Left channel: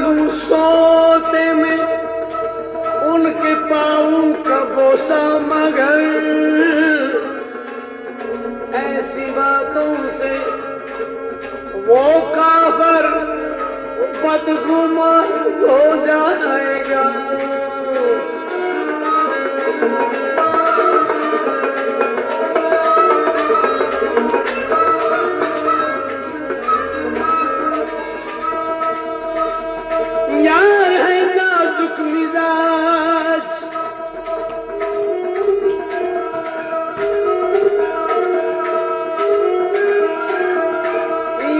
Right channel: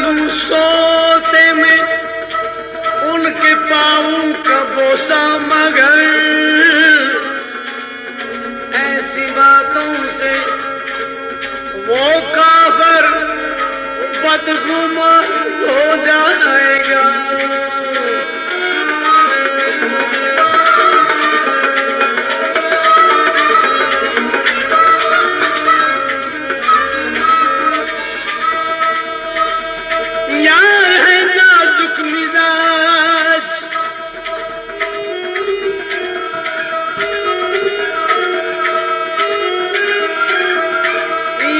लूं सोते में उनके पाँव का बोसा, मगर ऐसी बातों से वो काफिर बदगुमान हो जाएगा। यार है नाजुक मिजाज,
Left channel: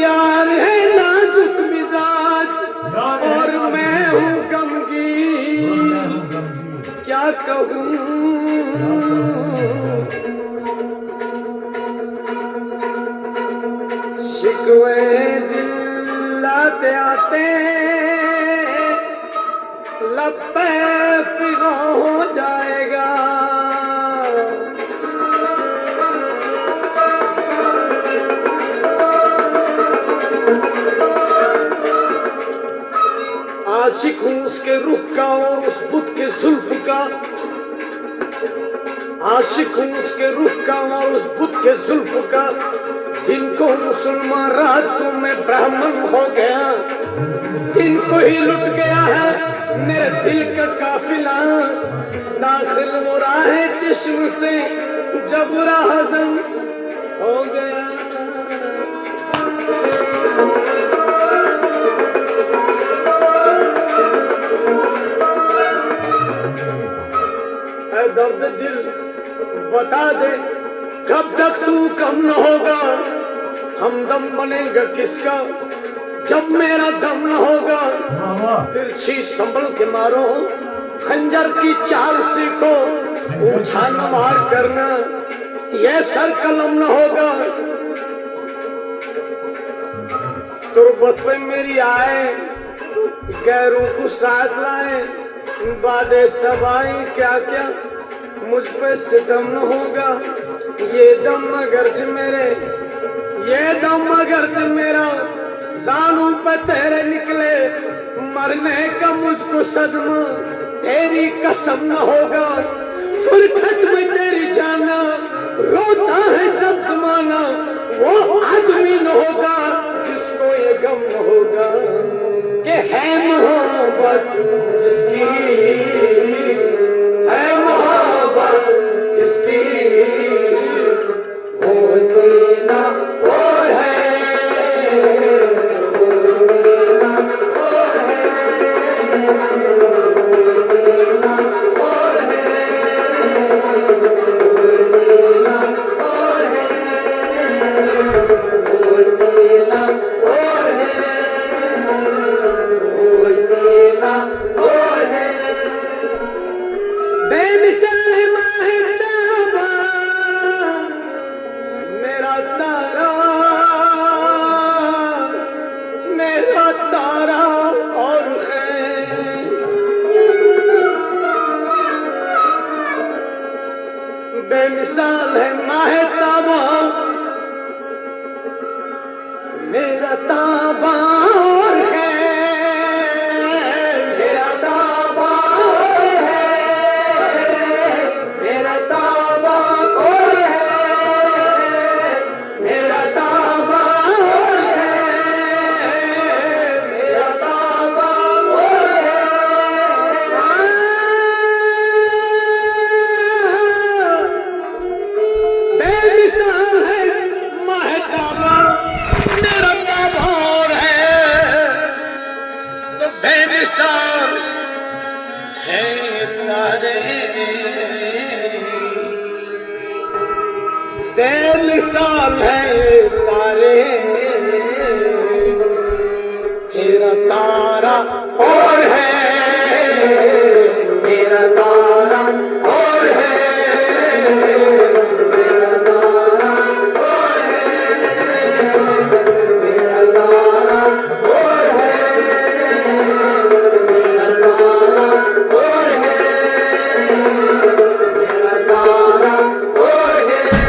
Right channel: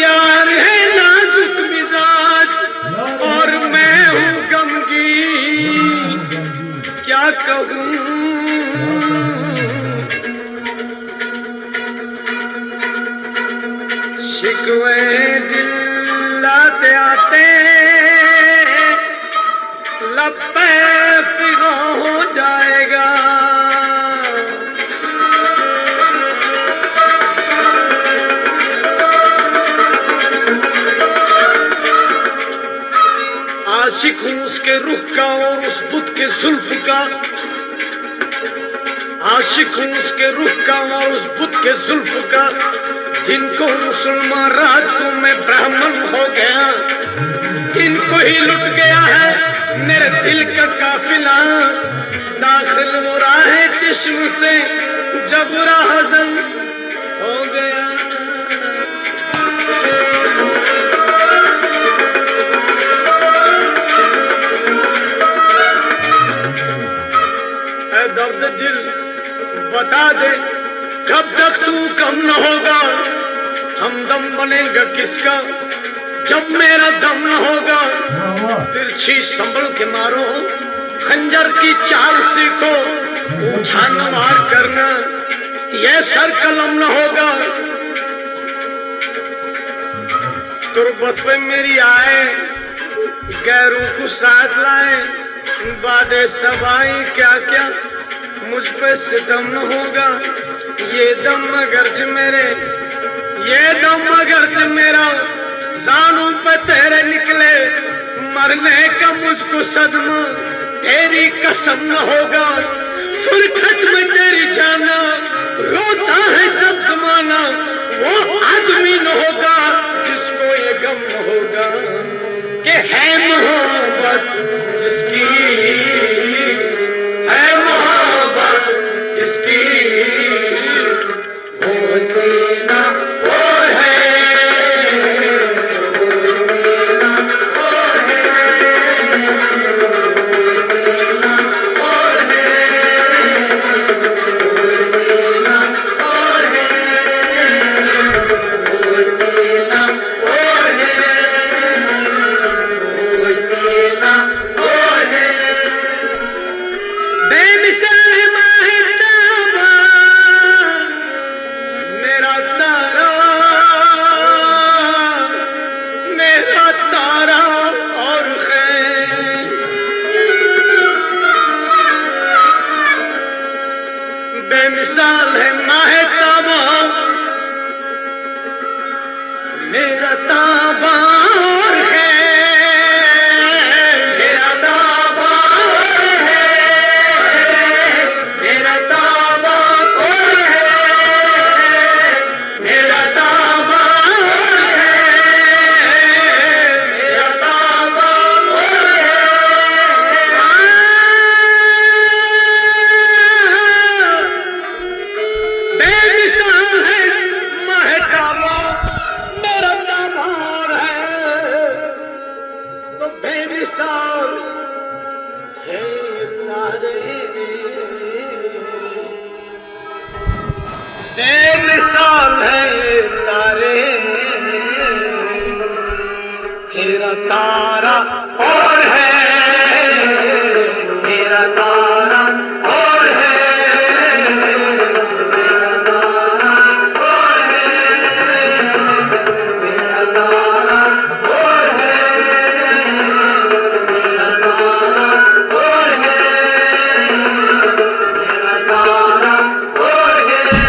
यार है नाजुक मिजाज, और मैं हूँ गमगीन, क्या कहूँ। शिकवे दिल लाते आते लब पे फिगा हो जाएगा। आशिक हूँ उसके रुख का और उस बुत के जुल्फ का, आशिक हूँ उसके रुख का और उस बुत के जुल्फ का। दिन को मुसलमान, रात को मैं ब्राह्मण हो गया। दिन को ही लुट गया है मेरे दिल का काफिला, दाखिल वो राहे चश्म से जब राहज़म हो गया। ऐ दर्द दिल बता दे कब तक तू कम न होगा। हमदम बनेगा किसका जब मेरा दम न होगा। फिर शीश संभल के मारो, खंजर की चाल सीखो, उछाल मार करना ये सर कलम न होगा। तुरबत पे मेरी आए गैरों को साथ लाए, बादे सबाई क्या क्या मुझ पे सितम न होगा। ये दम अगरच मेरे, ये दम अगरच मेरा जानों पे तेरे निकले, मरने का मुझको सदमा तेरी कसम न होगा। फुरकत में तेरी जाना रोता है सब जमाना, वो आदमी न होगा जिसको ये गम न होगा कि है मोहब्बत जिसकी, है मोहब्बत जिसकी, वो सीना वो है, बेमिसाल है माहे ताबा, मेरा ताबा और है, मेरा ताबा है, मेरा ताबा और है, मेरा ताबा है, मेरा ताबा और है। बेमिसाल है महताबा, मेरा ताबा और है, तो बेमिसाल है तारे, बेमिसाल है तारे, मेरा तारा और है, मेरा तारा और है, मेरा तारा और है, मेरा तारा और है, मेरा तारा और है, मेरा तारा और है,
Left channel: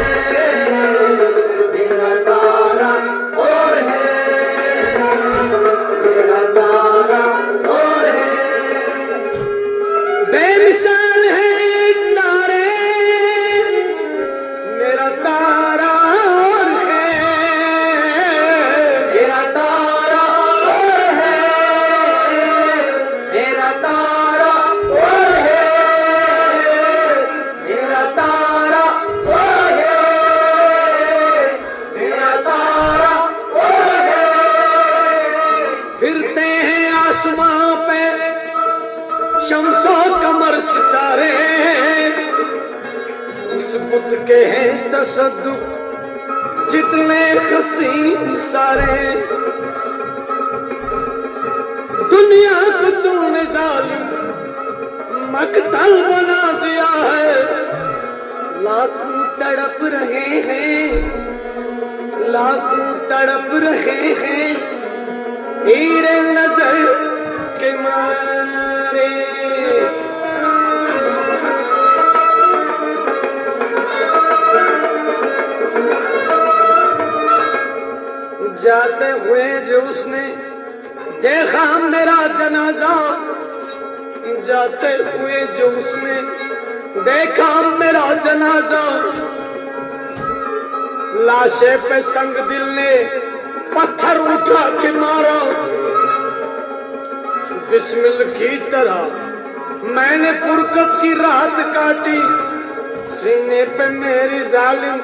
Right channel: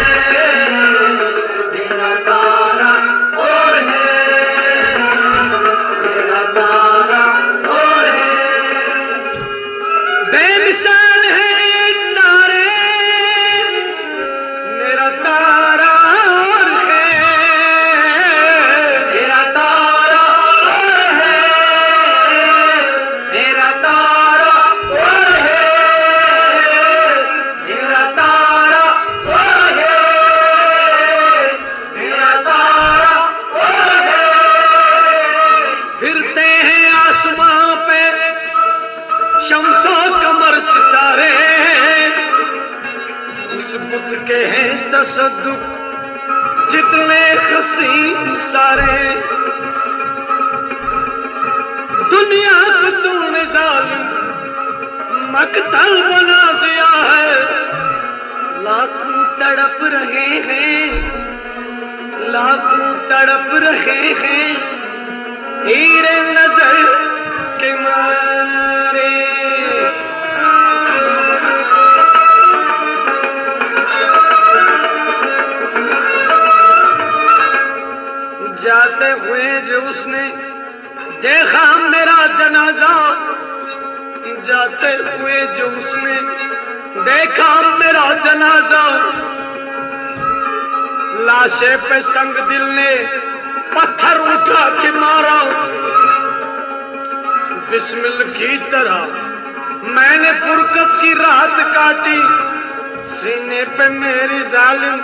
मेरा जाते हुए जो उसने देखा मेरा जनाजा, जाते हुए जो उसने देखा मेरा जनाजा, लाशे पे संग दिल ने पत्थर उठा के मारा। बिस्मिल की तरह मैंने फुरकत की रात काटी, सीने पे मेरी जालिम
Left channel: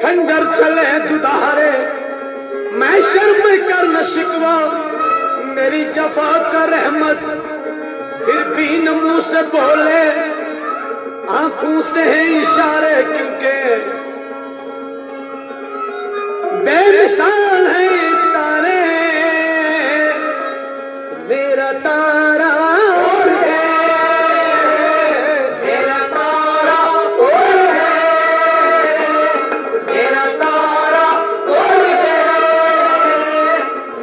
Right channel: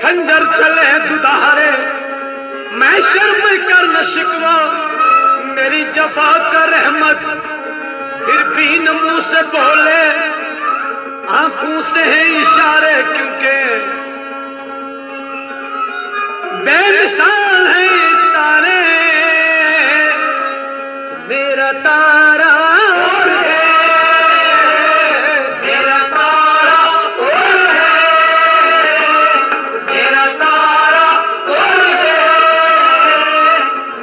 खंजर चले दुधारे। मैं शर्म कर न शिकवा मेरी जफा का रहमत, फिर भी न मुंह से बोले आंखों से है इशारे, क्योंकि बेमिसाल है ये तारे, मेरा तारा और है, मेरा तारा और है, मेरा तारा और है,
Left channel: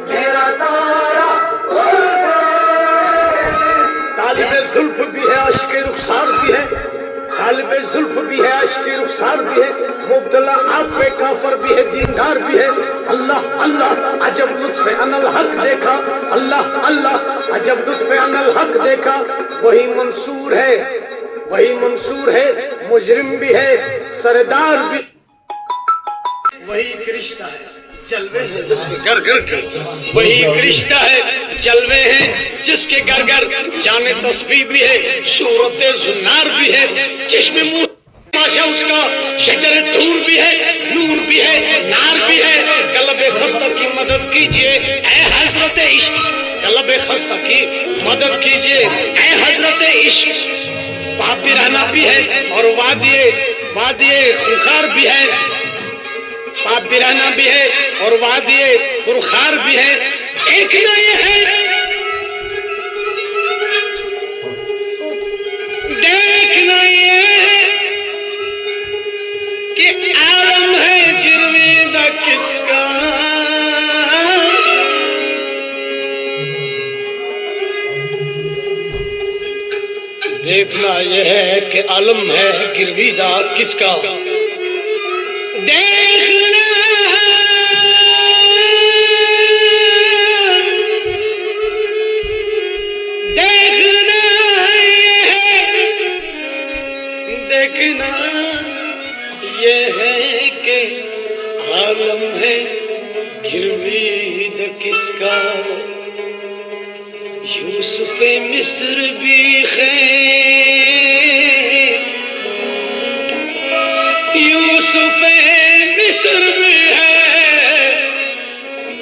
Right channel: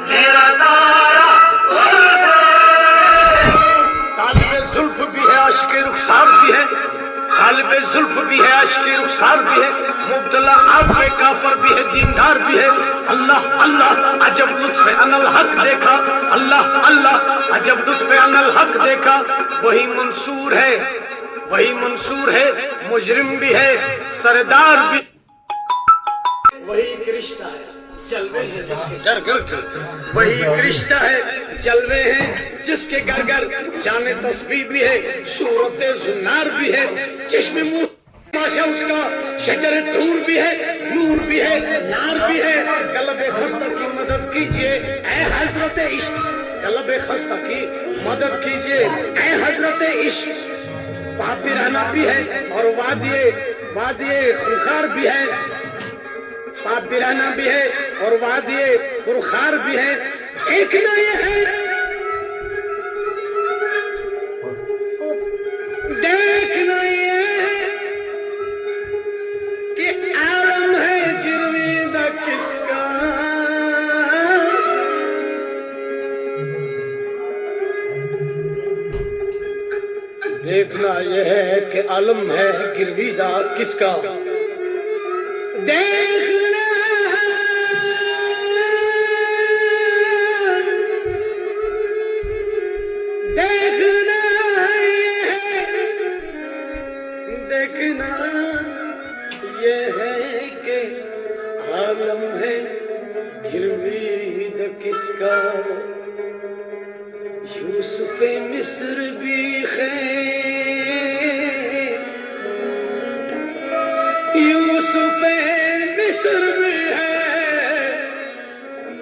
मेरा तारा और है। तालिबे जुल्फ भी है, आशिक़े रुखसार भी है, तालिबे जुल्फ भी है, आशिक़े रुखसार भी है, मुब्तला आपके काफर भी है, दीनदार भी है। अल्लाह अल्लाह अजब लुत्फ़े अनल हक देखा, अल्लाह अल्लाह अजब लुत्फ़े अनल हक देखा। वही मंसूर है, वही मंसूर है, मुजरिम भी है, सरदार भी। वही कृष्णा है, जलवे हैं जिसके घर घर के, वही कृष्णा है, जलवे हैं जिसके घर घर। जाने तस्बीह भी है, सूरत जुन्नार भी है, जिसमें मुंह माशा उसका शजर दूर भी है, नूर भी है, नार भी है। कल्बे खस्ता की मदद कीजिए ऐ हजरत इश्क, कल्बे खस्ता की मदद कीजिए ऐ हजरत इश्क। पापिराना भी है और वादिये खुखार भी है, पापिराना भी है और वादिये खुखार भी है। देखना ये है, देखना ये है कि आलम है गिरवीदा किसका, देखना यह है कि आलम है गिरवीदा किसका। देखना देखना यह है, देखना ये है कि आलम है गिरवीद किसका। यूसुफ मिस्र भी यूसुफ मिस्र भी है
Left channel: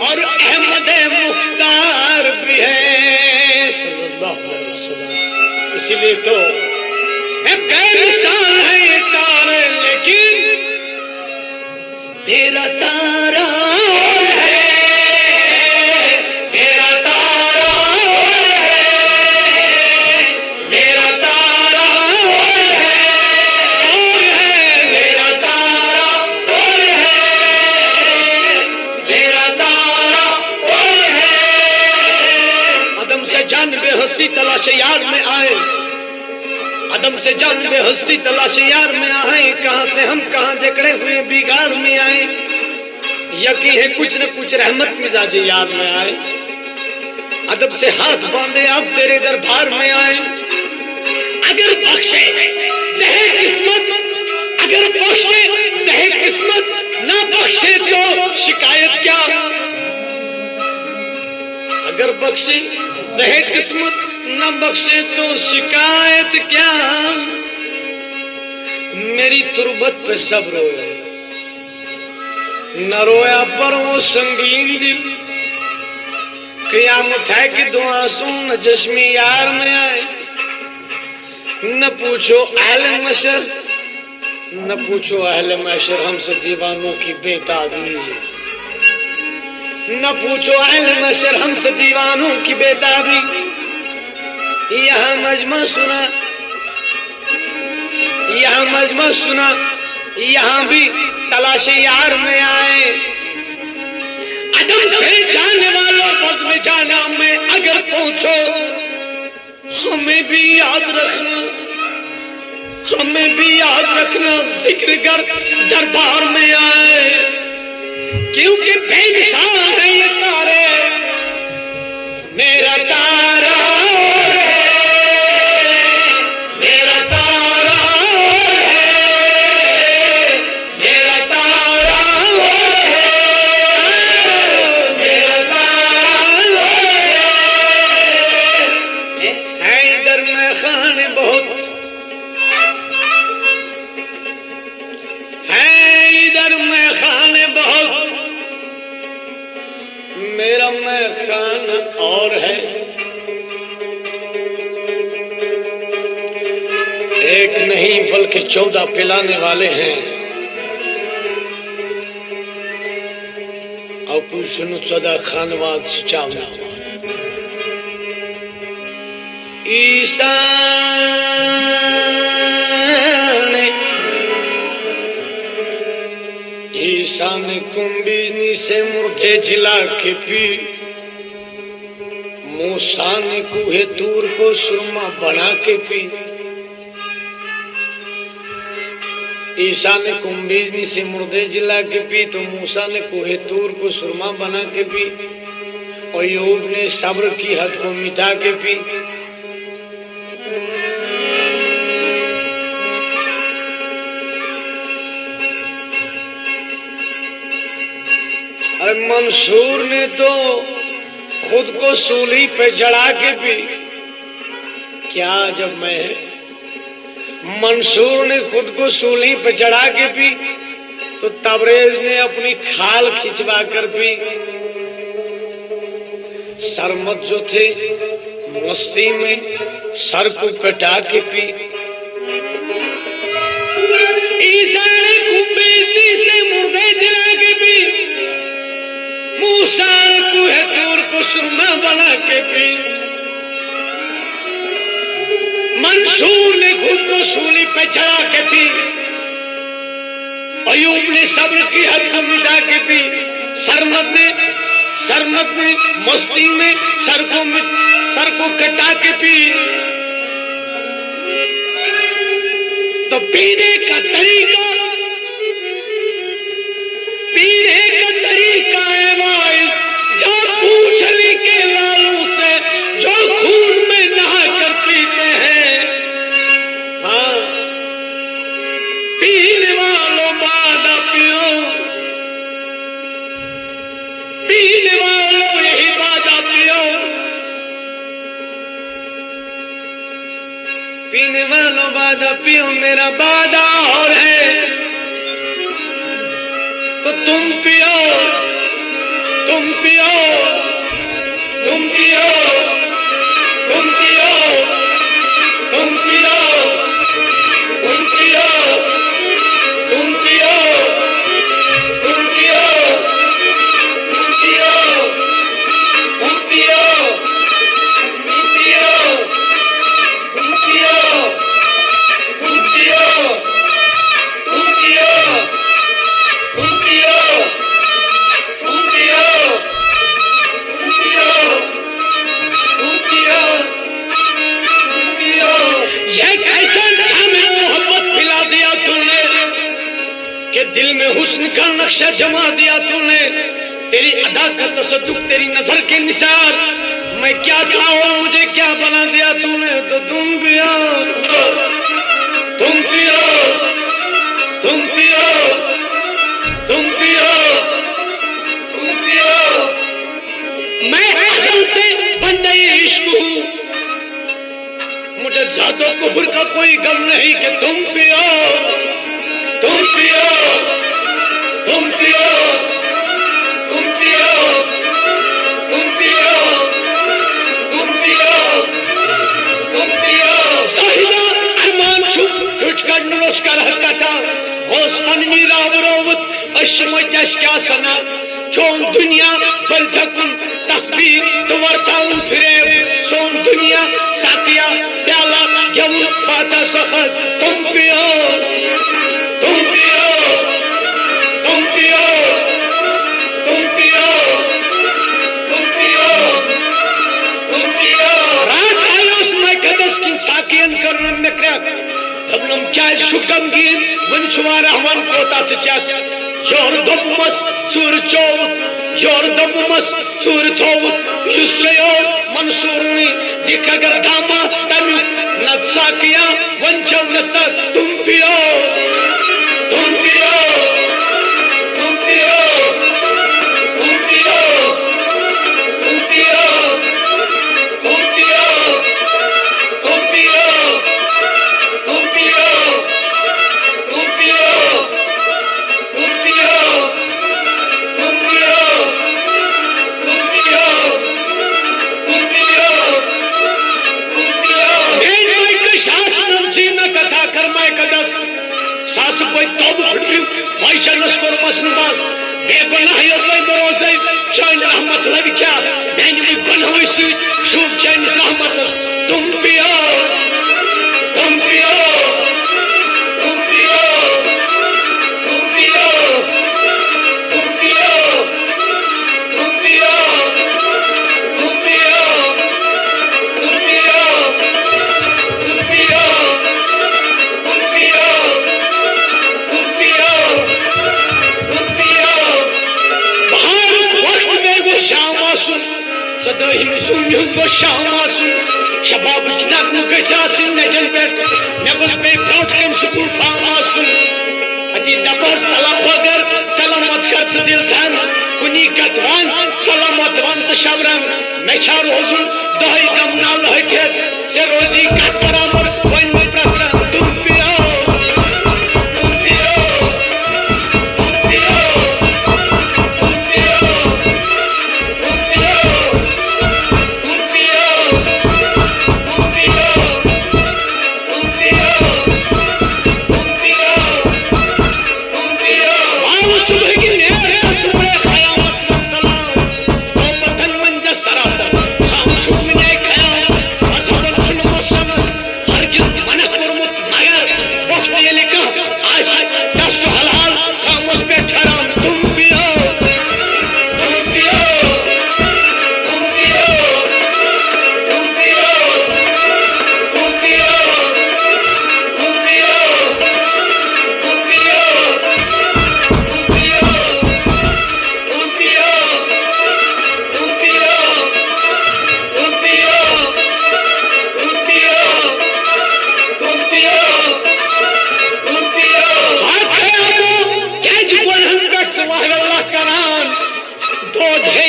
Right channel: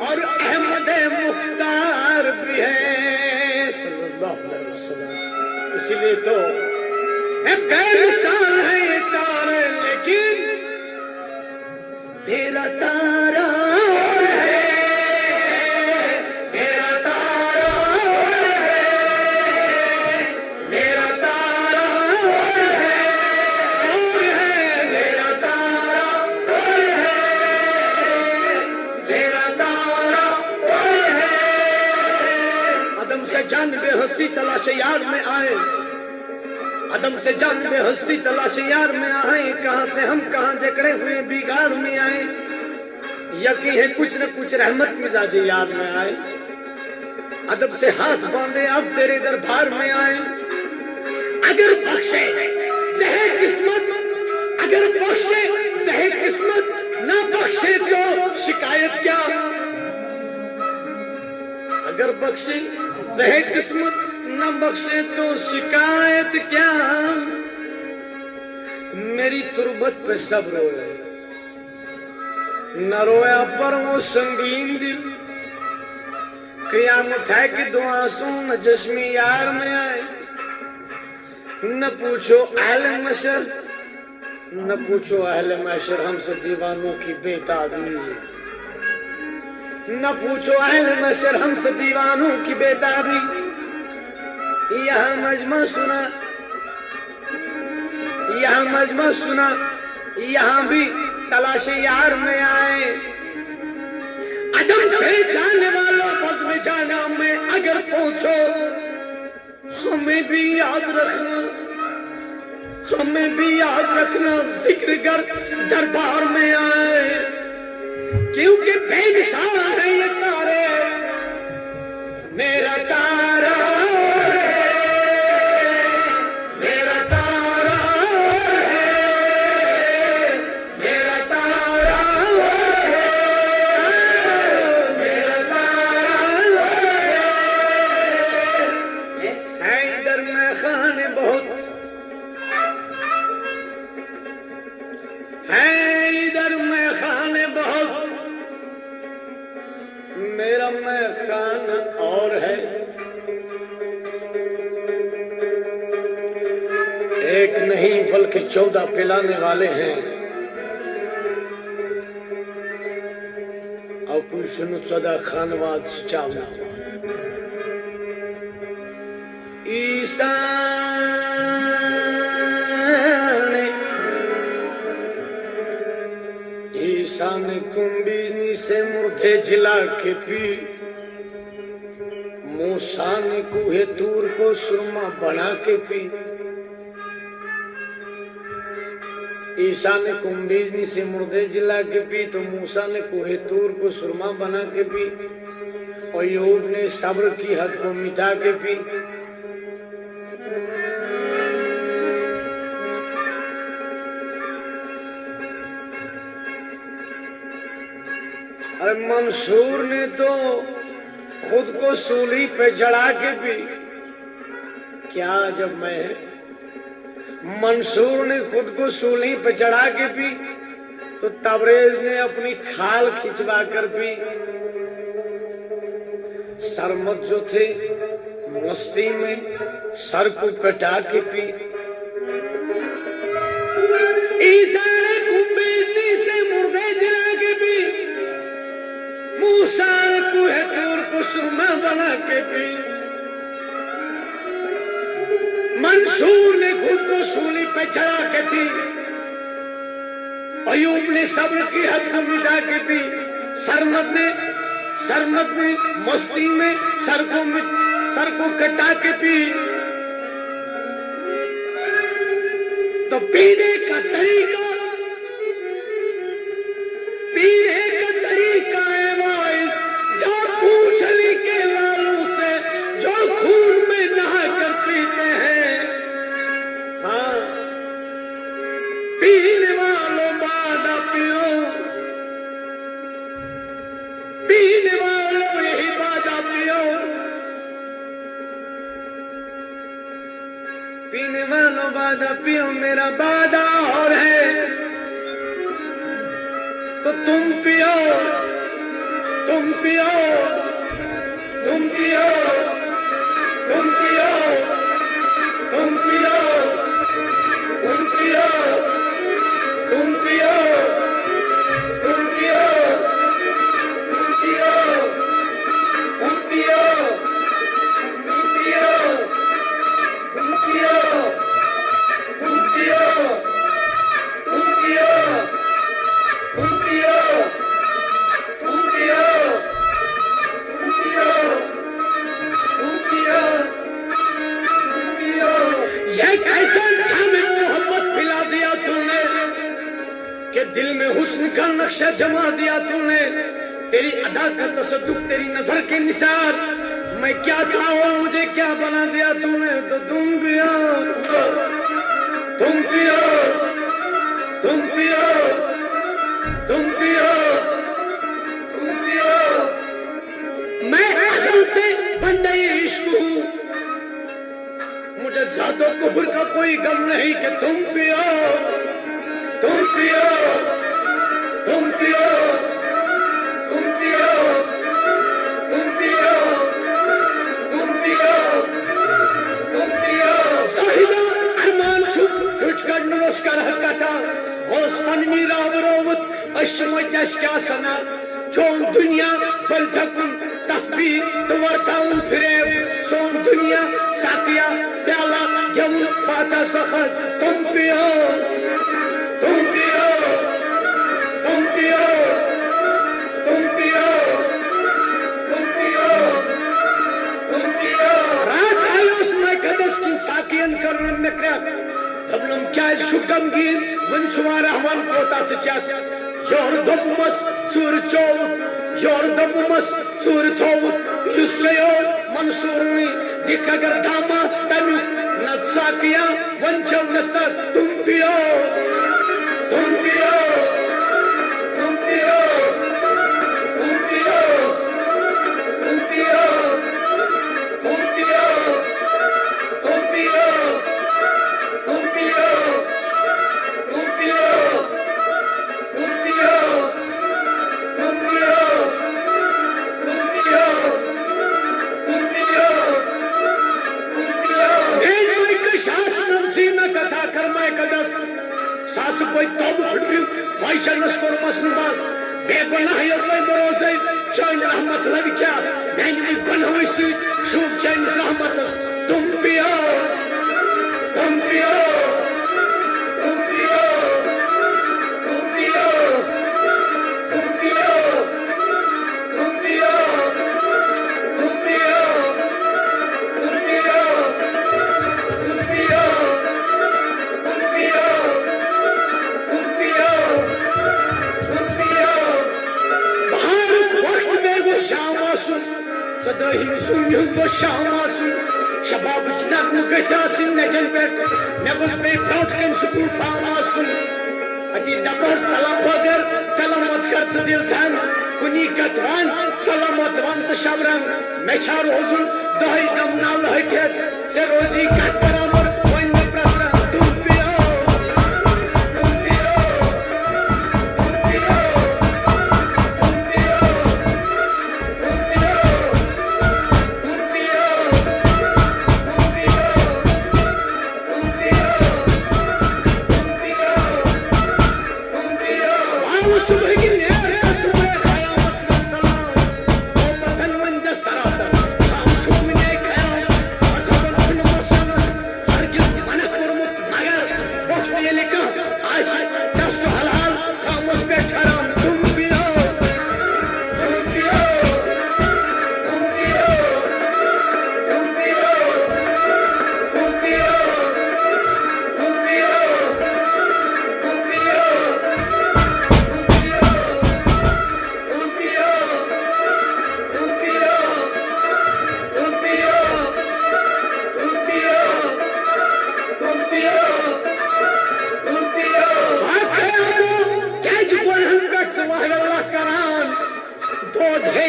और अहमद मुख्तार भी है सल्लल्लाहु अलैहि वसल्लम। इसलिए तो बेमिसाल है ये तारे, लेकिन मेरा तारा है, मेरा तारा है, मेरा तारा है, मेरा तारा है, मेरा तारा है। अदम से जानबे हस्ती तलाश यार में आए, अदम से जानबे हस्ती तलाश यार में आए। कहां से हम कहां जकड़े हुए बिगाड़ में आए, यकीन है कुछ न कुछ रहमत मिजाज यार में आए। अदब से हाथ बांधे अब तेरे दरबार में आए। अगर बख्शे ज़हे किस्मत, अगर बख्शे ज़हे किस्मत, ना बख्शे तो शिकायत क्या। अगर बख्शे ज़हे किस्मत, न बख्शे तो शिकायत क्या। मेरी तुरबत पे सब रोए, न रोया पर वो संगीन दिल। क़यामत है कि दो आंसू न जश्मी यार में आए। न पूछो अहले मशर, न पूछो अहले मशर हमसे दीवानों की बेताबी। न पूछो अहले मशर हमसे दीवानों की बेताबी। यहाँ मजमा सुना, यहाँ मजमा सुना, यहाँ भी तलाश यार में आए। अदम से जाने वालों बस में जाना में अगर पहुंचो, हमें भी याद रखना, हमें भी याद रखना। जिक्र कर दरबार में आए, क्योंकि बेमिसाल मेरा मैं खान और है, एक नहीं बल्कि 14 पिलाने वाले हैं। और कुछ 14 खानवाद से चावला ईसा ने कुंभिनी से मुर्दे जिला के पी, मूसा ने कुहे तूर को सुरमा बना के पी। ईसा ने कुंभिनी से मुर्दे जिला के पी तो मूसा ने कुहे तूर को सुरमा बना के पी, और यूब ने सब्र की हद को मिटा के पी। अरे मंसूर ने तो खुद को सूली पे जड़ा के पी। क्या जब मैं मंसूर ने खुद को सूली पे चढ़ा के पी तो तबरेज ने अपनी खाल खिंचवा कर पी। सरमत जो थे मस्ती में सर को कटा के पी। ईसा ने कुंभिनी से मुर्दे जला के पी, मूसा कुहे तूर को सुरमा बना के पी। मंसूर ने खुद को सूली पे चढ़ा के पी, अयूब ने सब्र की हद को मिटा के पी। सरमत ने मस्ती में सर को कटा के पी। तो पीने का तरीका है वाइस, जो पूछली के लालू से जो खून में नहा कर पीते हैं। हाँ, पीने वालों बादा पियो, पीने वालों यही बादा पियो, पीने वालों बादा पियो, मेरा बादा और है तो तुम पियो, तुम पियो, तुम पियो, तुम पियो, तुम पियो, तुम पियो, तुम पियो, तुम पियो, तुम पियो, तुम पियो, तुम पियो, तुम पियो, तुम पियो, तुम पियो, तुम पियो, तुम पियो, तुम पियो, तुम पियो, तुम पियो। ये कैसा जामिल मोहब्बत पिला दिया तूने कि दिल में हुस्न का नक्शा जमा दिया तूने। तेरी अदा का तसद्दुक, तेरी नजर के निसार, मैं क्या था और मुझे क्या बना दिया तूने। तो तुम पियो, तुम पियो, तुम पियो, तुम पियो, तुम पियो। मैं असल से बंदे इश्क हूँ, मुझे जातो कुफर का कोई गम नहीं कि तुम पियो, तुम पियो, तुम पियो, तुम पियो, तुम पियो, तुम पियो, तुम पियो। साहिदा अरमान छुटकर नुरस्कर हरकता वोस्पन्नी रावरोवत अशमत क्या सना चोन दुनिया बलथकुन तस्बीह तवर्ताउन फिरे सोन दुनिया साकिया प्याला जब बाता सखत तुम पियो, तुम पियो, तुम पियो, तुम पियो, तुम पियो, तुम पियो। रात आयोस मैं कदस की साकियन करन में क्रक दबनम चाय शुगम गिन वंशवा रहमान कोता से चाच जोर दबमस चूर चोव जोर दबमस चूर थोव युष्यो मंसूरनी दिखगर धामा तनु नत्सा किया वंशव नसा तुम पियो, तुम पियो, तुम पियो, तुम पियो, तुम पियो, तुम पियो, तुम पियो, तुम पियो, तुम पियो, तुम पियो, तुम पियो, तुम मास कोई तब फुटरियो भाई चलस कोर मसन बस बेगुनाह योय बरोसे चैन रहमत लग क्या मैंने भी गुनाह से शुभ चैन रहमत तुम पियो तुम पियो तुम पियो तुम पियो तुम पियो तुम पियो तुम पियो तुम पियो तुम पियो तुम पियो तुम पियो तुम पियो बाहर वक्त में वो शाम आसुन सदाही सूर्य वो शाम आसुन शबाब नक गचासिन नजन पे मे बस पे ब्रोट कम स्कूल फाम आसुन अति दपस तला पगर तला मत कर दिल धन कुनी कतवान तला मत वन त शबरन मे छा रोजुन दही कम नाल हटे से रोजी कत बराबर वन में प्रफर तुम पियो तुम पियो तुम पियो तुम पियो तुम पियो तुम पियो तुम पियो तुम पियो तुम पियो तुम पियो आओ सुबह की नेर सुबह खयामत में सलाम तो पतन मंज सरासर हम छूने खयाम मजहबन छुन मसमस हरगिज मन कुरमुत मगर वक्त ये लिखा आज दस हलाल खामोश पे ठहराम तुम पियो तुम पियो तुम पियो तुम पियो तुम पियो तुम पियो तुम पियो तुम पियो तुम पियो तुम पियो तुम पियो तुम पियो तुम पियो तुम पियो क्या जीवन हम कर सवाल अल्लाह करान दो है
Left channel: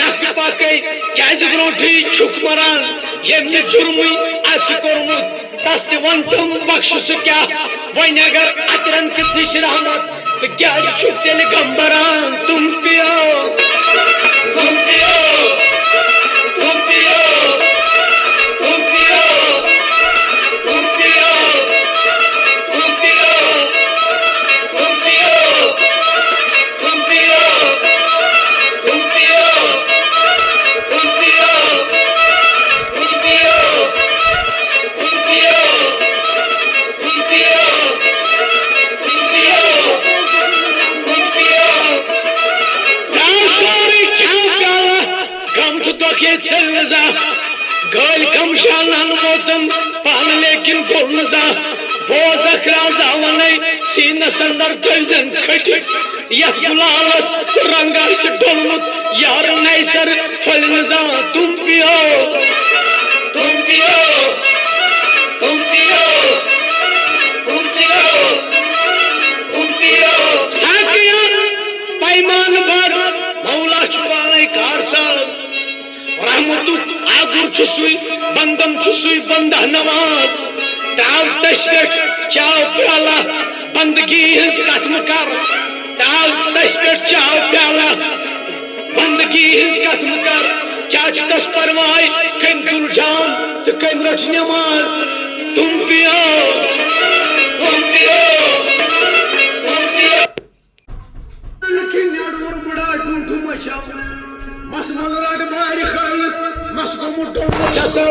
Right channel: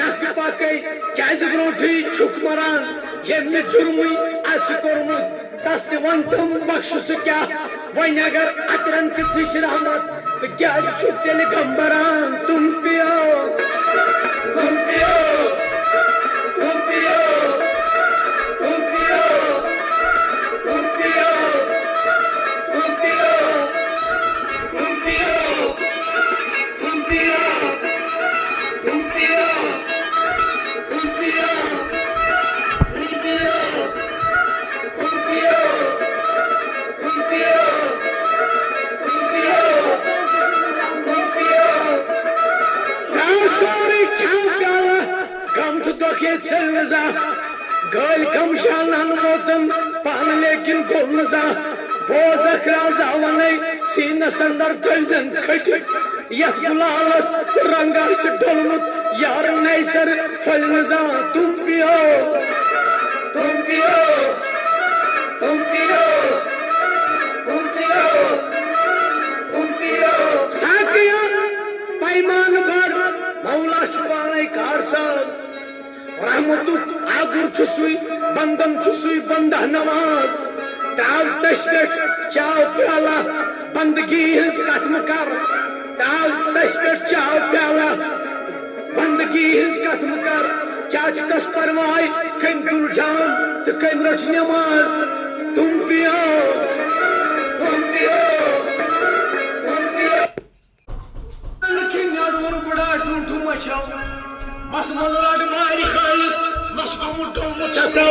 नक पाके क्या जबरोठी छुक मरान ये में जुर्मुई आस कोरमुत दस वन तुम बख्श क्या वही अगर अतरन किस रहमत तो क्या छुक तेल गंबरान तुम पियो तुम पियो तुम पियो तुम पियो तुम पियो तुम पियो तुम पियो तुम पियो तुम पियो तुम पियो तुम पियो तुम पियो तुम पियो तुम पियो तुम पियो दासोरी छाका गम तो के चलजा गल कम शालन मोतन पान लेकिन गोलजा बोझ अखराजा वने सीन संदर तजन खट यत गुलालस रंगा से डोलमुत यार नैसर फलनजा तुम पियो तुम पियो तुम पियो तुम पियो तुम पियो साकिया पैमान भर मौला छुपाने कारसाज रहमतु आगुर छुसुई बंदम छुसुई बंदा नवाज ताव तशपेट चाव प्याला बंदगी हिंस कथम कर ताव तशपेट चाव प्याला बंदगी हिंस कथम कर क्या तस परवाय कम तुल जाम तो कम रच नमाज तुम पियो तुम पियो तुम पियो लेकिन यार बड़ा तुम मचाओ मसमलराड बाहर खायत मसगुम डोम चसो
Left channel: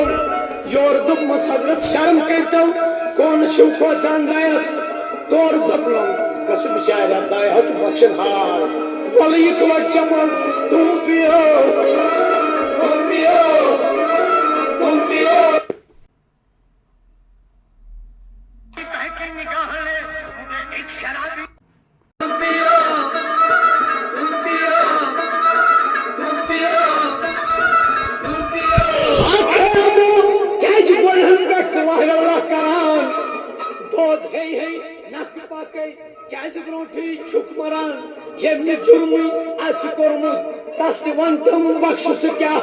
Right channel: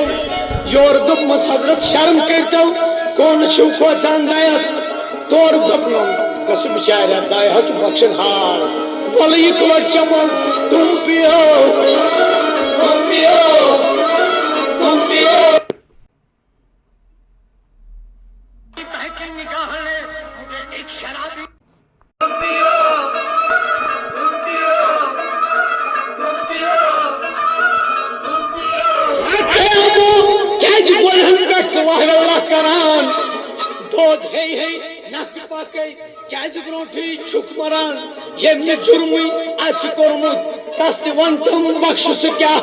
योर दुप मस हजरत शर्म करतो कौन छुखो चंदायस तोर दपलो कसु बिचारा दाय हच बख्शन हाल वली कोट चमन तुम पियो तुम पियो तुम पियो तहके निगाह ने एक शराबी तुम पियो तुम पियो तुम पियो तुम पियो क्या जीवन हम कर सवाल अल्लाह करान दो है नक पाके क्या जबरोठी छुक मरान ये में जुर्मुई आस कोरमुत दस वन तुम बख्श क्या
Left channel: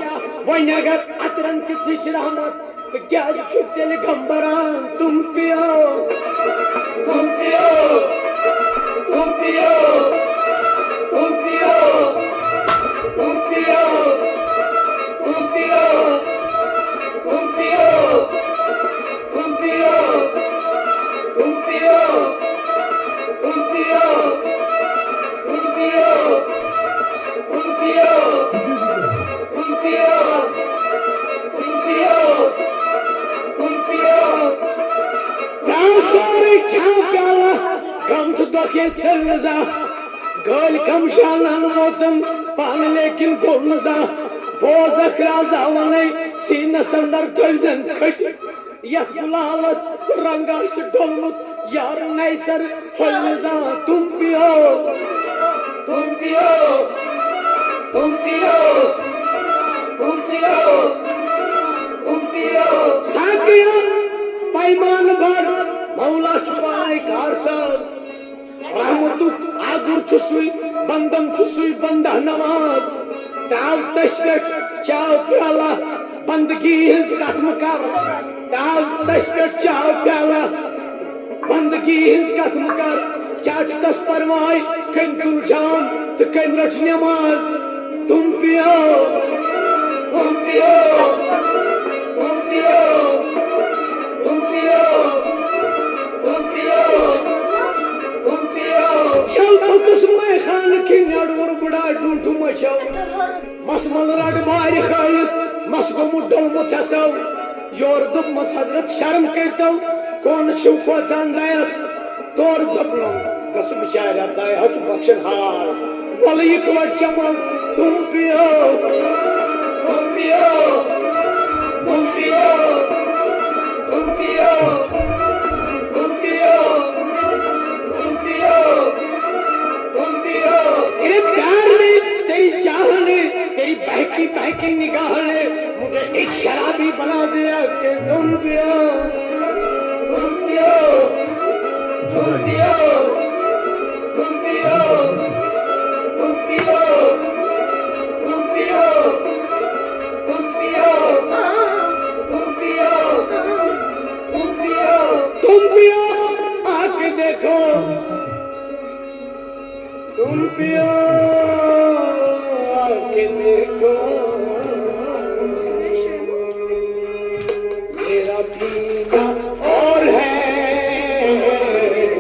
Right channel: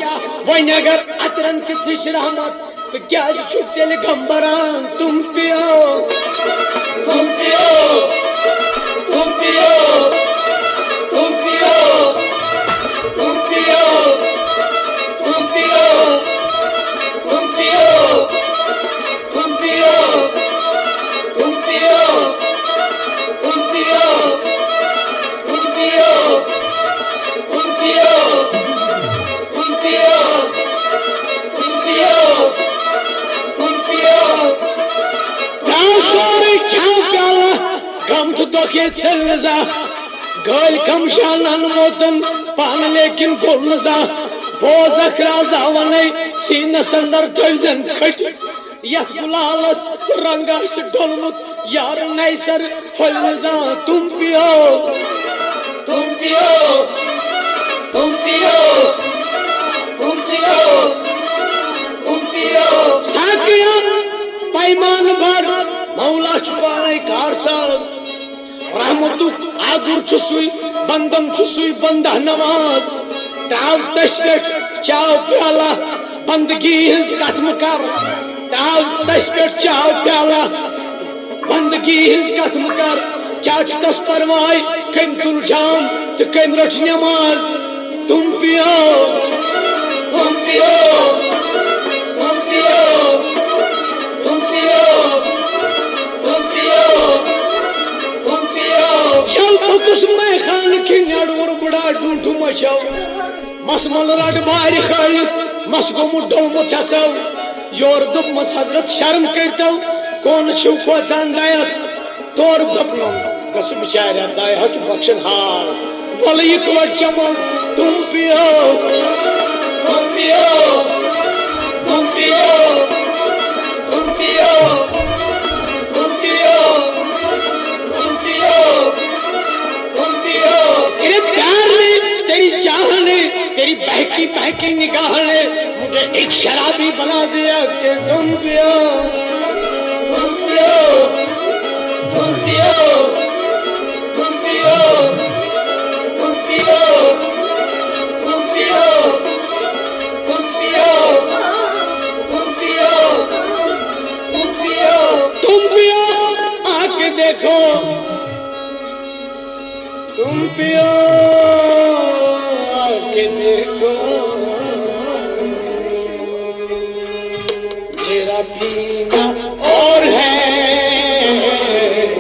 वही अगर अतरन किस रहमत तो क्या छुक तेल गंबरान तुम पियो तुम पियो तुम पियो तुम पियो तुम पियो तुम पियो तुम पियो तुम पियो तुम पियो के चल जा गाल कम शालन वोतन पान लेकिन गोल नजा बोज अखराजा वने सीनस अंदर थजन खट यथ गुलालस रंगास डोलमुत यार नैसर होलजा तुम पियो तुम पियो तुम पियो तुम पियो तुम पियो साकिया पैमान भर मौला छुपाए कारसाज रहमतु आगुर छुसुई बंदम छुसुई बंदा नवाज ताव तशपेट चाव प्याला बंदगी हिज कथम कर ताव तशपेट चाव प्याला बंदगी हिज कथम कर क्या तस परवाय कम तुल जाम तो कम रख नमाज तुम पियो तुम पियो तुम पियो तुम पियो तुम पियो तुम पियो चल तो तुस्मै खान की नड़वर बुढ़ा ढूंढू मचाओ मसमल रट बारी खाई मसगो मुड्डल मुथसो योर दुप मस हजरत शर्म करतो कौन छुप को जानदायस तोर दपनो कसु बिचार दाय हच बख्शन हाल वल एक वट चमन तुम पियो तुम पियो तुम पियो तुम पियो तुम पियो तुम पियो तुम पियो तेरे प्यार ने तेरी चाह ने तेरी बहकी बहकी निगाह ने मुझे एक शराबी बना दिया कि तुम पियो तुम पियो तुम पियो तुम पियो तुम पियो तुम पियो तुम पियो तुम पियो तुम पियो तुम पियो आके देखो तुम पियो आके देखो मेरा पीना और है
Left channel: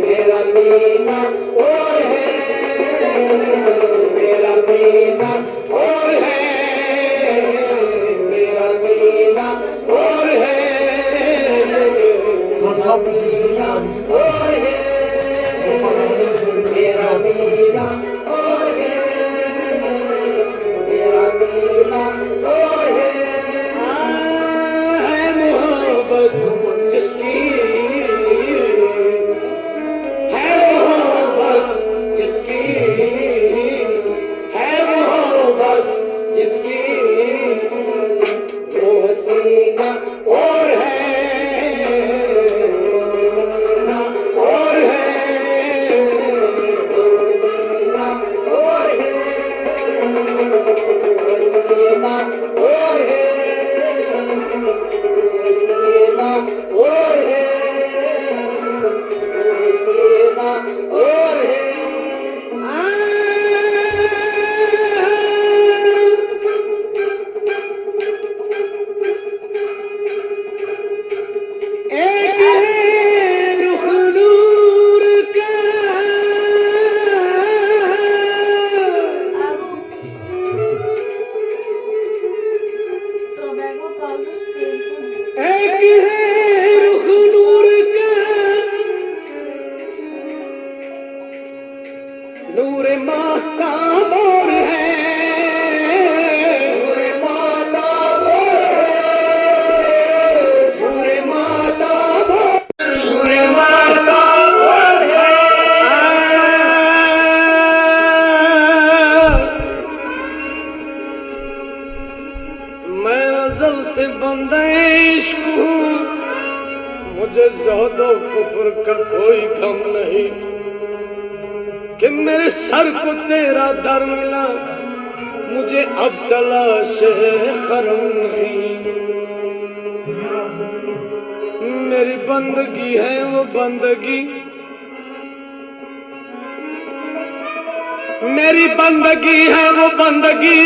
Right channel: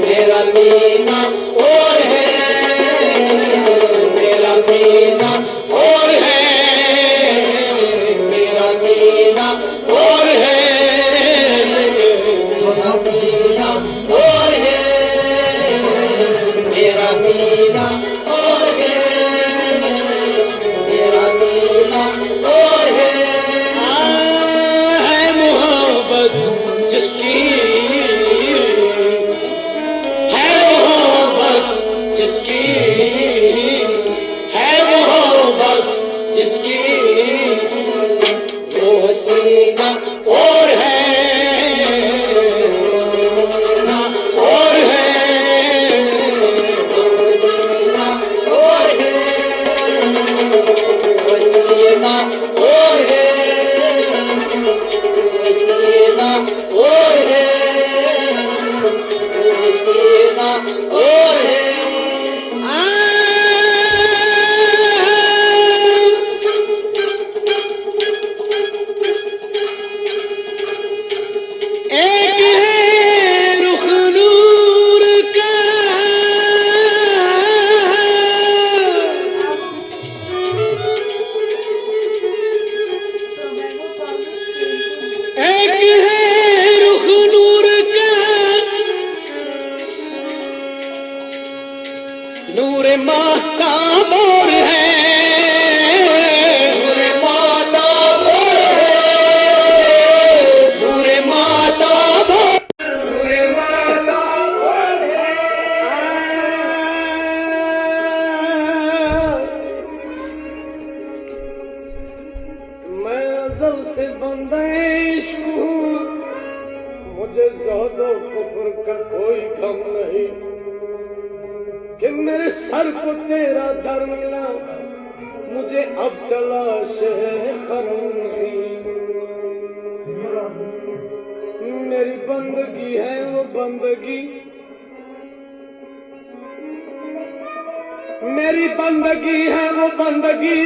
मेरा पीना और है मेरा पीना और है मेरा पीना और है मेरा पीना और है मेरा पीना और है मेरा पीना और है मोहब्बत जिसकी है मोहब्बत जिसकी है मोहब्बत जिसकी वो हसीना और है हसीना और है हसीना और है हसीना और है हसीना और है हसीना और है एक है रुख नूर का एक है रुख नूर का नूर माताब और है नूर माताब और है नूर माताब नूर माताब और है मैं अज़ल से बंदा इश्क हूँ मुझे ज़हदो कुफ्र का कोई गम नहीं कि मेरे सर को तेरा दर मिला मुझे अब तलाश है खरम नहीं मेरी बंदगी है वो बंदगी मेरी बंदगी है वो बंदगी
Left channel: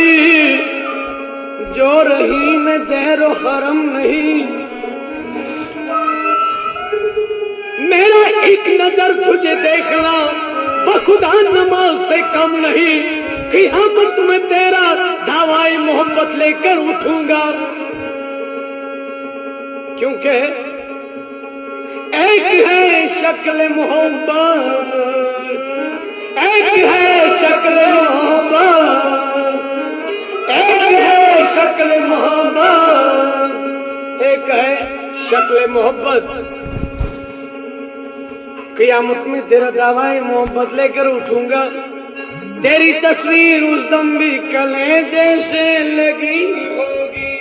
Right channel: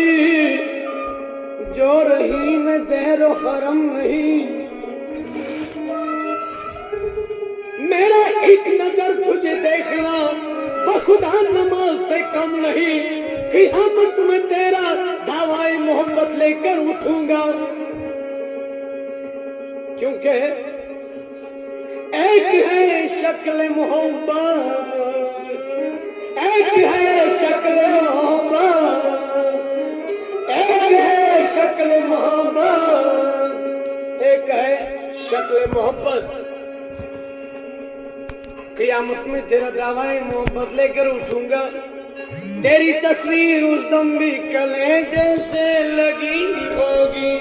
जो रही में दैरो खरम नहीं मेरा एक नजर तुझे देखना बखुदा नमाज से कम नहीं क़यामत में तेरा दावाई मोहब्बत लेकर उठूंगा क्योंकि एक है शक्ल मोहब्बत एक है शक्ल मोहब्बत, एक है शक्ल मोहब्बत, एक है शक्ल मोहब्बत। क़यामत में तेरा दावाए मोहब्बत लेकर उठूंगा, तेरी तस्वीर उस दम भी कलेजे से लगी होगी।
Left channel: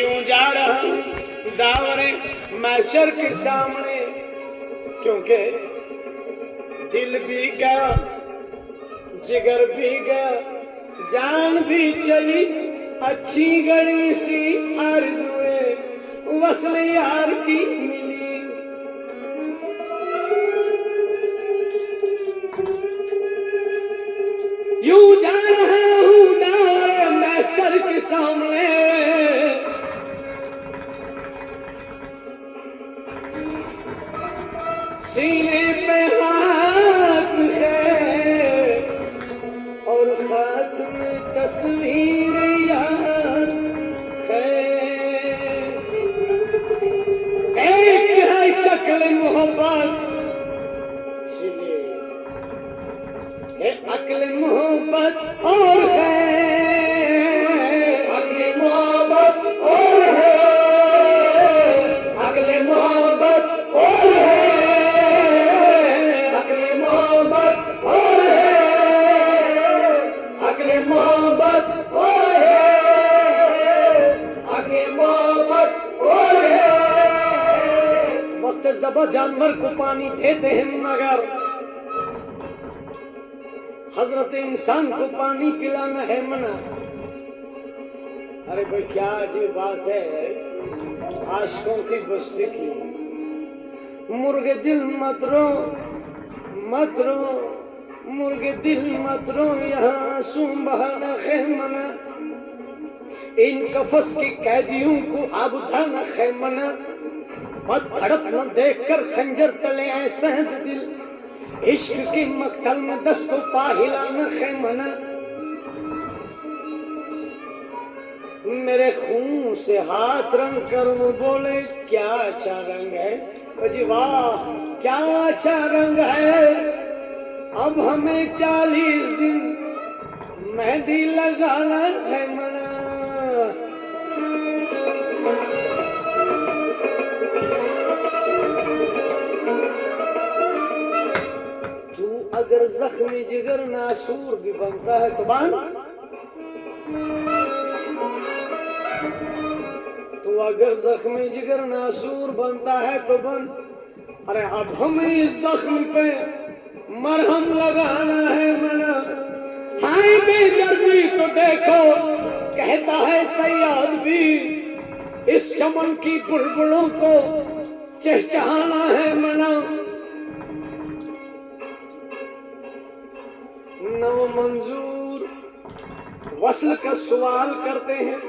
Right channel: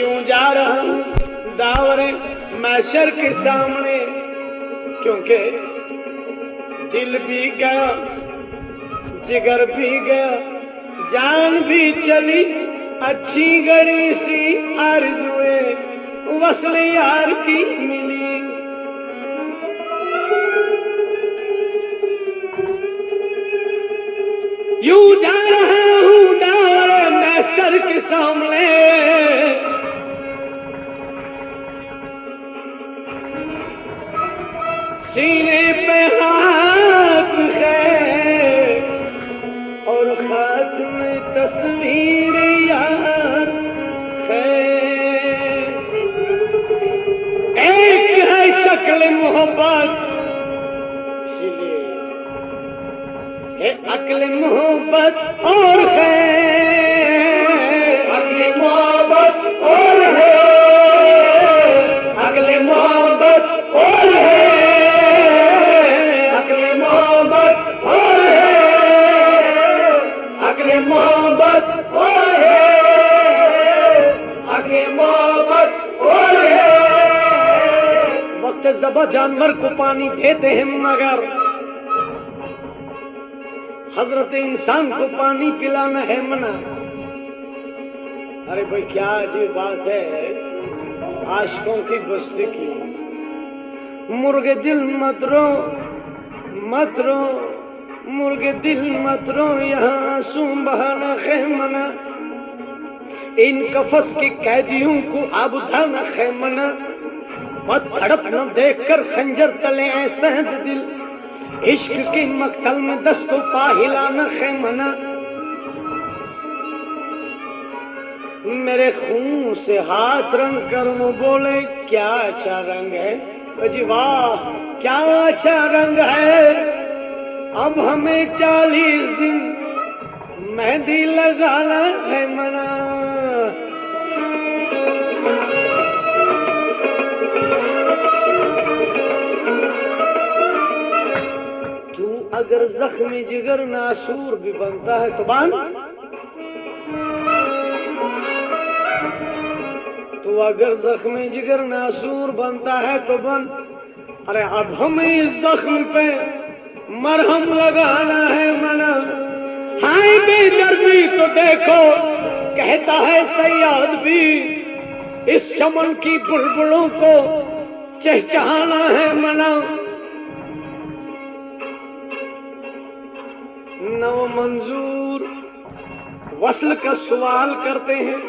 यूं जा रहा हूं दावरे महशर के सामने, क्योंकि दिल भी गया, जिगर भी गया, जान भी चली, अच्छी गरी सी आरज़ुए वस्ल यार की मिली। यूं जा रहा हूं दावरे महशर के सामने, सीने पे हाथ है और हाथ में तस्वीर यार है। एक है शक्ल मोहब्बत, इसलिए अक्ल मोहब्बत और है, अक्ल मोहब्बत और है, अक्ल मोहब्बत और है, अक्ल मोहब्बत और है, अक्ल मोहब्बत और है, अक्ल मोहब्बत और है। वक्त ज़बा जानवर को पानी देते हैं मगर हजरत इंसान को पानी पिलाना है मना। अरे भाई क्या अजीब बात है आशिकों की बस्ती की। मुर्गे दिल मत रो, मत रो, मुर्गे दिल मत रो, यहाँ आंसू बहाना है मना। इन कफस के कैदियों को अब धरना है मना। और धड़प न देख कर खंजर तले ऐसा है दिल, इश्क के मक्तल में दस्तों पा हिलाना है मना। मेरे खून से हाथ रंग कर वो बोले क्या अच्छा रंग है, अजी वाह क्या अच्छा रंग है। अब हमें 40 दिन मेहंदी लगाना है मना। अगर जख्मी जिगर नासूर भी बनता है तो बन, तो अगर जख्मी जिगर नासूर बनता है तो बन। अरे अब हमें इस जख्म पे मरहम लगाना है मना। हाय बेदर्दी तो देखो कहता है सयाद भी, इस चमन की बुलबुलों को चहचहाना है मना। नव मंजूर वस्ल का सवाल करते हैं,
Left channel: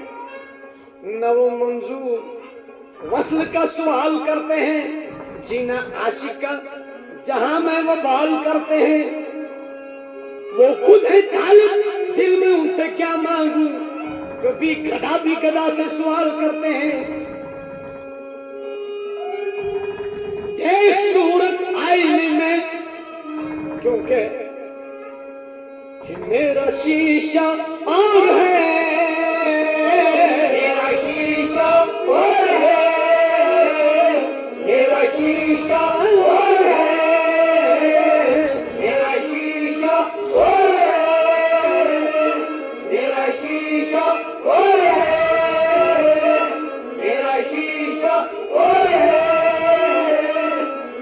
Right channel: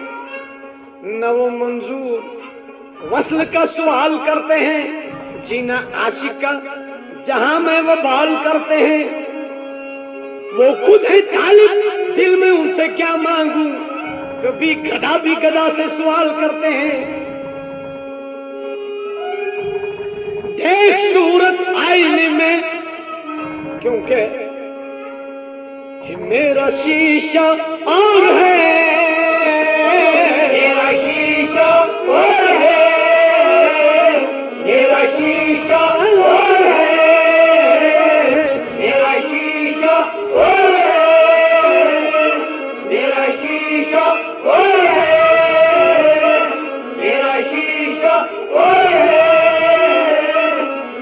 नव मंजूर वस्ल का सवाल करते हैं। जीना आशिक का जहां में वो बाल करते हैं, वो खुद है तालिब दिल में उनसे क्या मांगू। कभी गधा भी गधा से सवाल करते हैं। देख सूरत आईने में, क्योंकि मेरा शीशा और है, मेरा शीशा और है, मेरा शीशा और है, मेरा शीशा और है, मेरा शीशा और है, मेरा शीशा और है,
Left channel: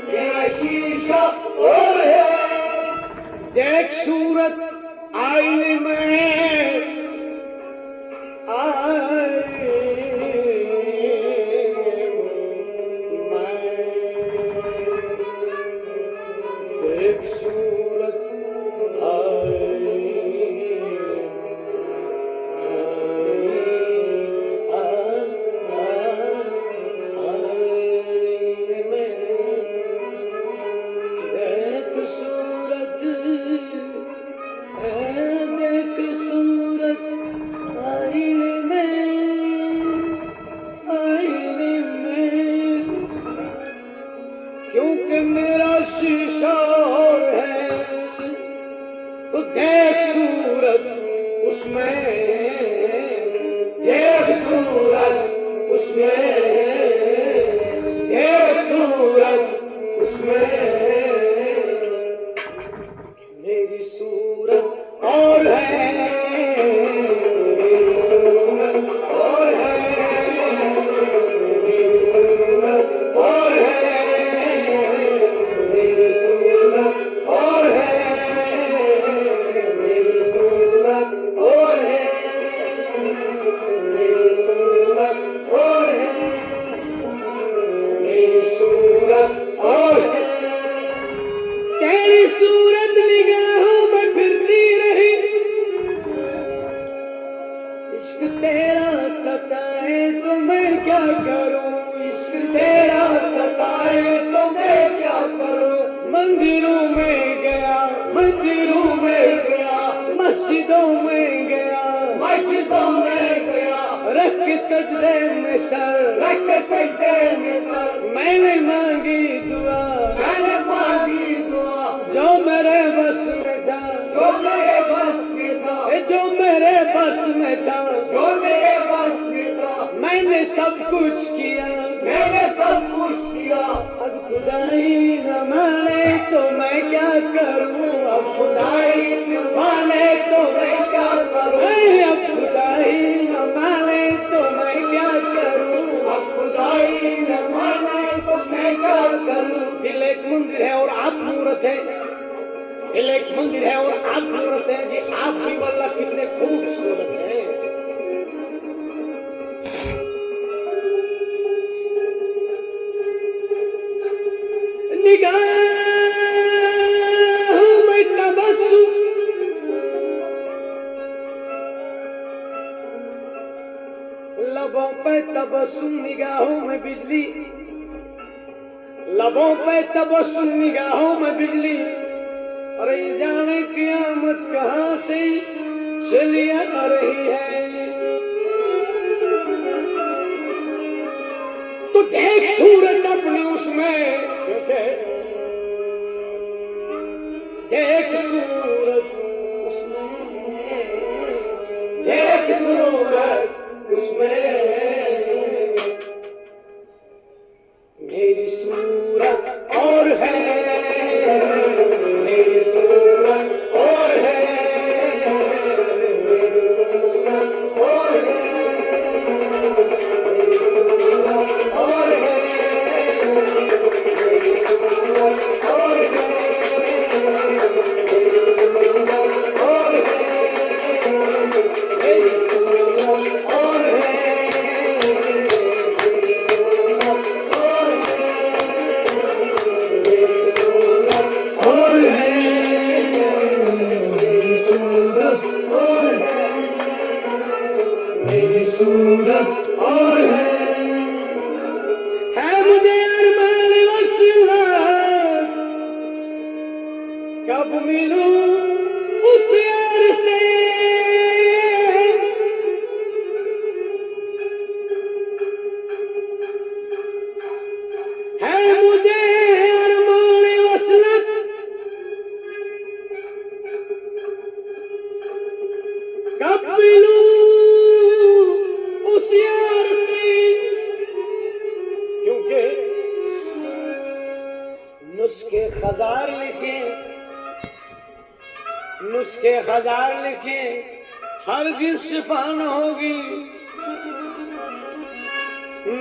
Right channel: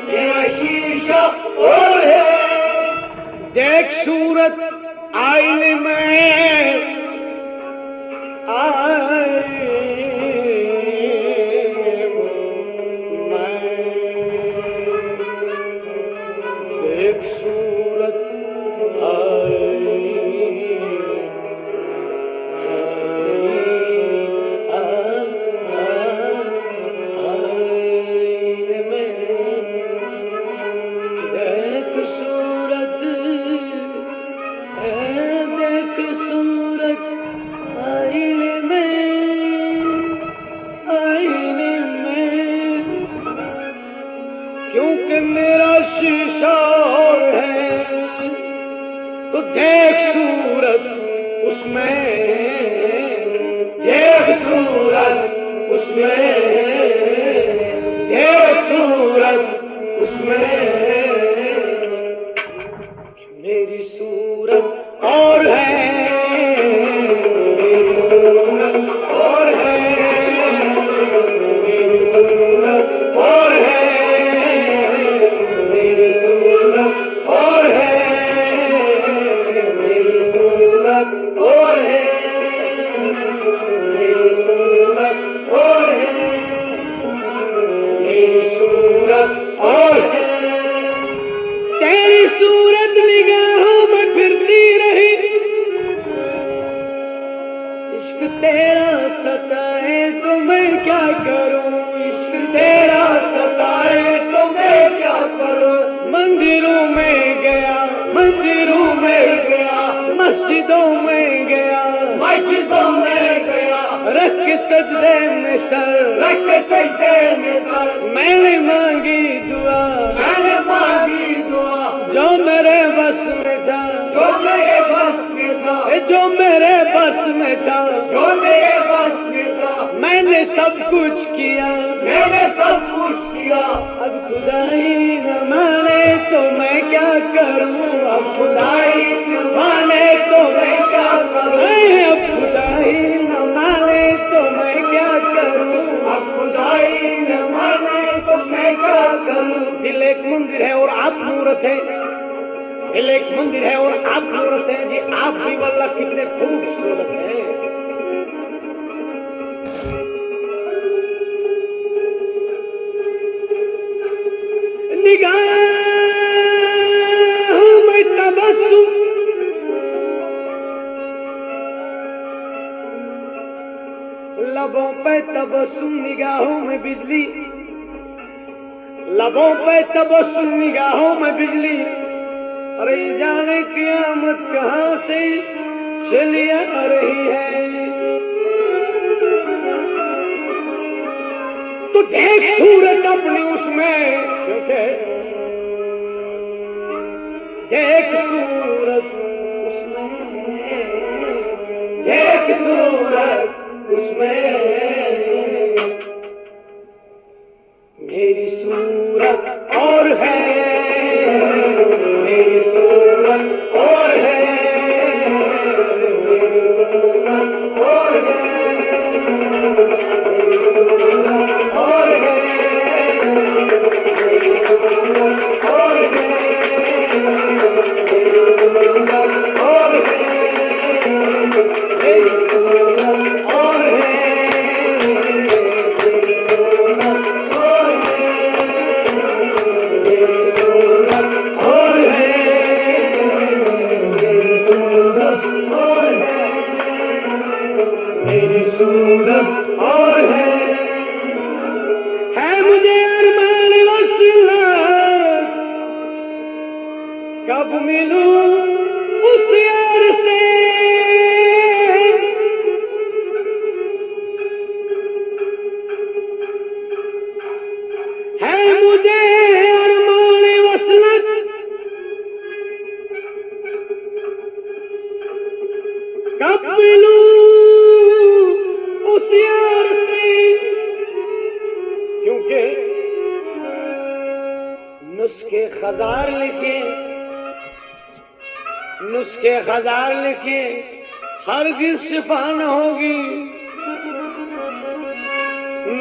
मेरा शीशा और है। देख सूरत आईने में देख सूरत क्योंकि मेरा शीशा और है, देख सूरत उसमें, देख सूरत उसमें, देख सूरत उसमें, मेरी सूरत और है, मेरी सूरत और है, मेरी सूरत और है, मेरी सूरत और है, मेरी सूरत और है, मेरी सूरत और है, मेरी सूरत और है। तेरी सूरत निगाहों में फिरती रही, इश्क तेरा सताए तो मैं क्या करूं, इश्क तेरा सताए तो मैं क्या करूं। मंदिरों में गया, मंदिरों में गया, मस्जिदों में गया, मस्जिदों में गया, रख के सजदे में सर, रख के सजदे में सर, मैंने मांगी दुआ, मैंने मांगी दुआ, जो मेरे बस में था, जो मेरे बस में था, जो मेरे बस में था, जो मेरे बस में था, मैंने सब कुछ किया, मैंने सब कुछ किया। अब खुदाई न माने तो मैं क्या करूं, अब खुदाई न माने तो मैं क्या करूं, अब खुदाई न माने तो मैं क्या करूं, अब खुदाई न माने तो मैं क्या करूं। दिल एक मंदिर है और आप मूरत है, दिल एक मंदिर है और आप मूरत है जी, आप भी वल्लाह कितने खूबसूरत है। निगाहों में तबस्सुम, लबों पे तबस्सुम, निगाहों में बिजली, लबों पे तबस्सुम, निगाहों में बिजली। अरे जाने क़यामत कहां से चली आ रही है। तो देख सूरत अपनी उसमें, क्योंकि देख सूरत उसमें, देख सूरत उसमें, मेरी सूरत और है, मेरी सूरत और है, मेरी सूरत और है, मेरी सूरत और है, मेरी सूरत और है, मेरी सूरत और है, मेरी सूरत और है, सूरत और है मुझे अरमान वसीला, कब मिलूं उस यार से, है मुझे अरमान वसलत, कब मिलूं उस यार से। क्योंकि नुस्खे हजार लिखे, नुस्खे हजार लिखे, हरगिज शिफा न होगी।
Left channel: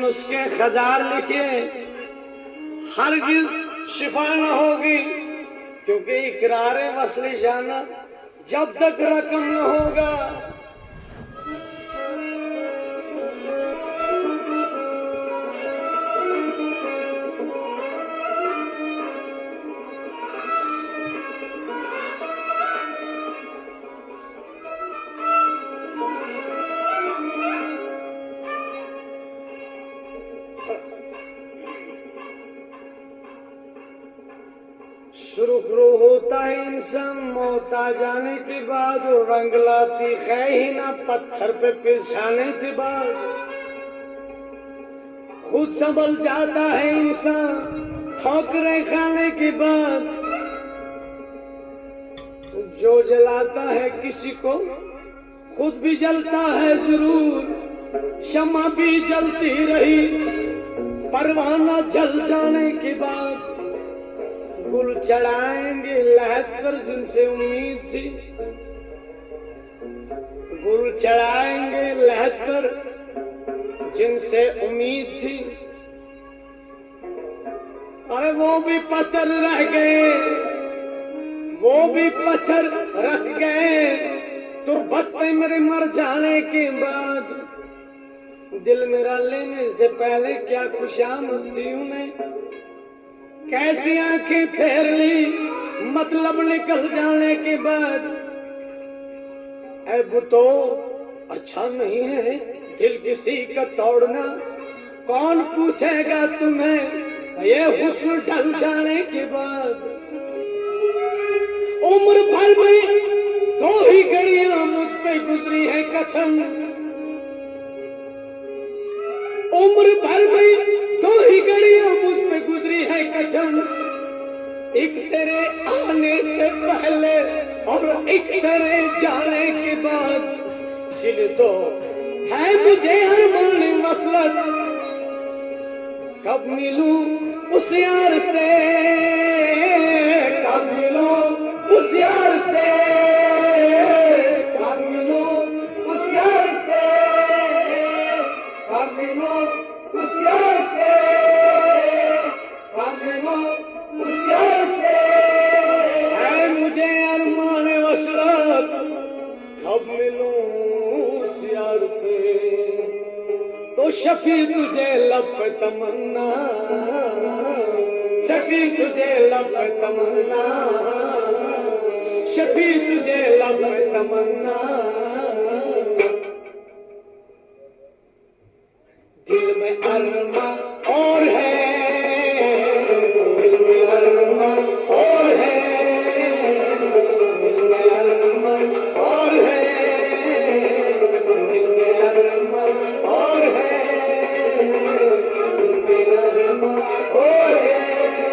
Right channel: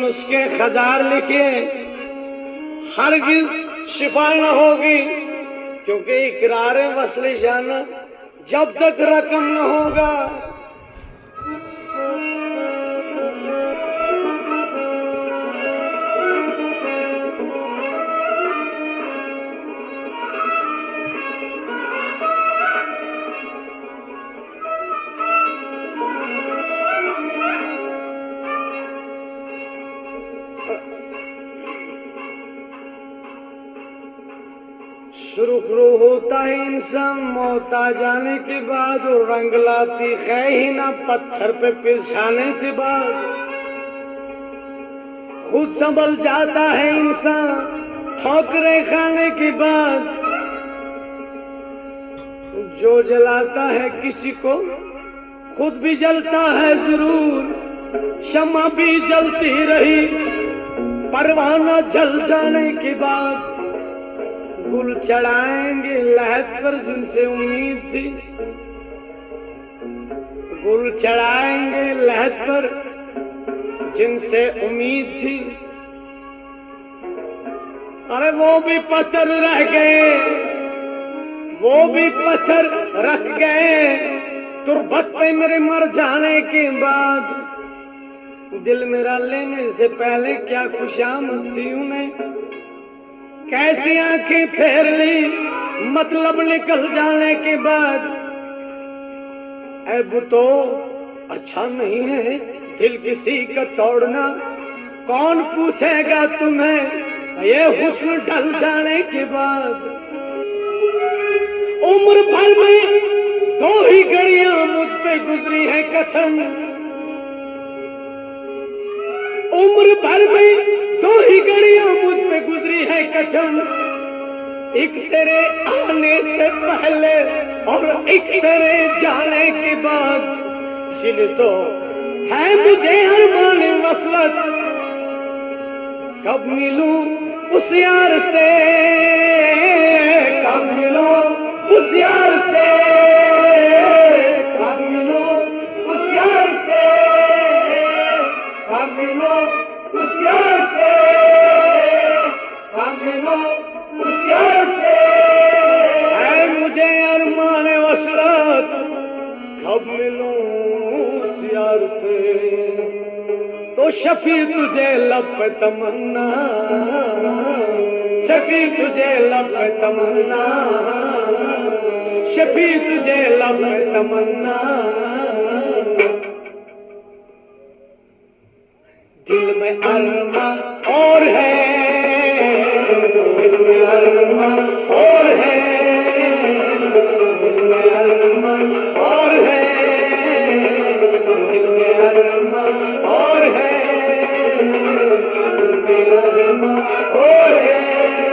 नुस्खे हजार लिखे, हरगिज शिफा न होगी। क्योंकि इकरार वस्ल जाना जब तक रकम न होगा, शुरू होता है इंसान मौत आ जाने के बाद, और रंग लाती है ही ना पत्थर पे पिसाने के बाद। खुद संभल जाता है इंसान ठोकरे खाने के बाद। जो जलाता है किसी को खुद भी जलता है जरूर, शम्मा भी जलती रही, परवाना जल जाने के बाद गुल चढ़ाएंगे लहद पर जिनसे उम्मीद थी, गुल चढ़ाएंगे लहद पर जिनसे उम्मीद थी। अरे वो भी पत्थर रह गए, वो भी पत्थर रख गए तुरबत पे मेरे मर जाने के बाद। दिल मेरा लेने से पहले क्या खुशामद थी उन्हें, कैसी आंखें फेर ली मतलब निकल जाने के बाद। अब तो अच्छा नहीं है दिल किसी का तोड़ना, कौन पूछेगा तुम्हें ये हुस्न ढल जाने के बाद। उम्र भर में 2 ही घड़ियां मुझ पे गुजरी है कछन, उम्र भर में 2 ही घड़ियां मुझ पे गुजरी है कछन। एक तेरे आने से पहले और एक तेरे जाने के बाद। इसलिए तो है मुझे अरमान वसलत, कब मिलूं उस यार से, कब मिलूं उस यार से, कब मिलूं उस यार से, कब मिलूं उस यार से, कब मिलूं उस यार से। है मुझे अरमान वसलत, कब मिलूं उस यार से। तो शफी तुझे लब पे तमन्ना, शफी तुझे लब पे तमन्ना, शफी तुझे लब पे तमन्ना। दिल में अरमा और है, दिल में अरमा और है, दिल में अरमा और है, दिल में अरमा और है, दिल में अरमा और है,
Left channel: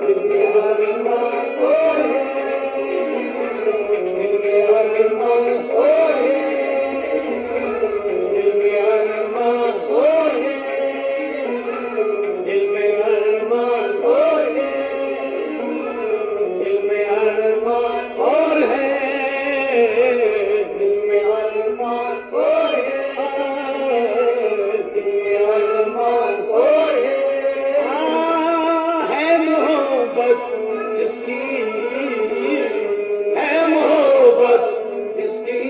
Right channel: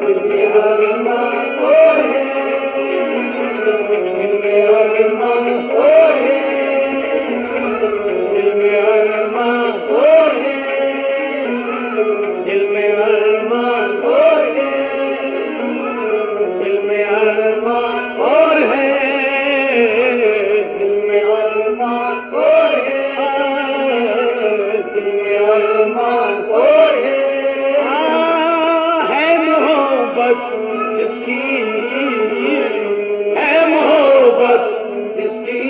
दिल में अरमा और है, दिल में अरमा और है, दिल में अरमा और है, दिल में अरमा और है, दिल में अरमा और है, दिल में अरमा और है, दिल में अरमा और है मोहब्बत जिसकी, है मोहब्बत जिसकी,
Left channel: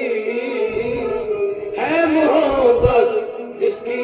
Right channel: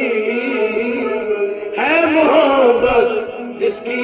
है मोहब्बत जिसकी